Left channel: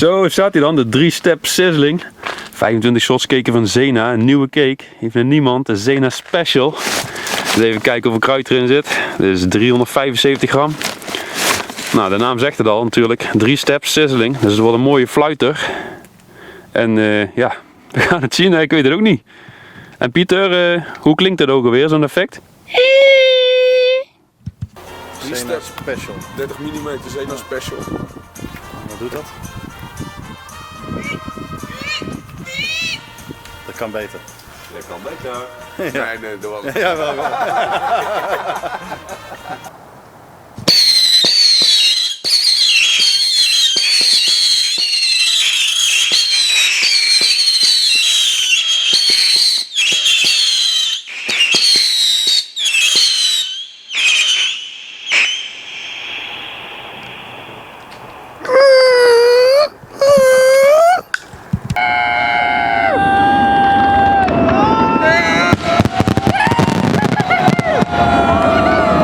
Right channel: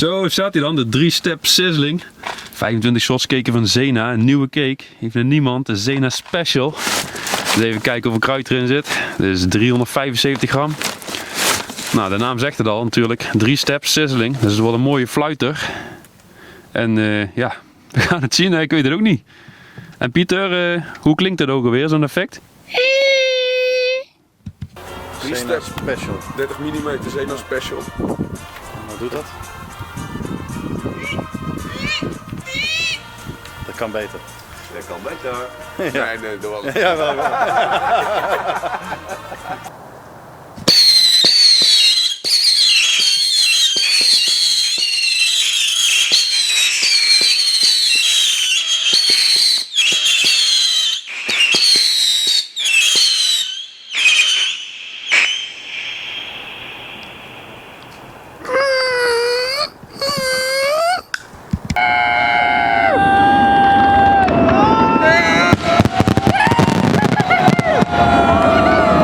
Zo staat hij dan, de 3-step sizzling. 25 shots cake van Zena, een nieuwe cake. Heeft met niemand, de Zena Special. Dus even kijken hoeveel kruid erin zit. Dit is 375 gram. Nou, de naam zegt het al natuurlijk. 3-step sizzling. Dus het wordt een mooie fluiter. En ja, we gaan het zien. Ik weet het ook niet. En Pieter, hoe klinkt het ook alweer, zo'n effect? Zena Special. 30 mm Zena Special. Wat doet dat? Dat kan beter. Dat kan beter. Nee, doe wel. Ja, wel.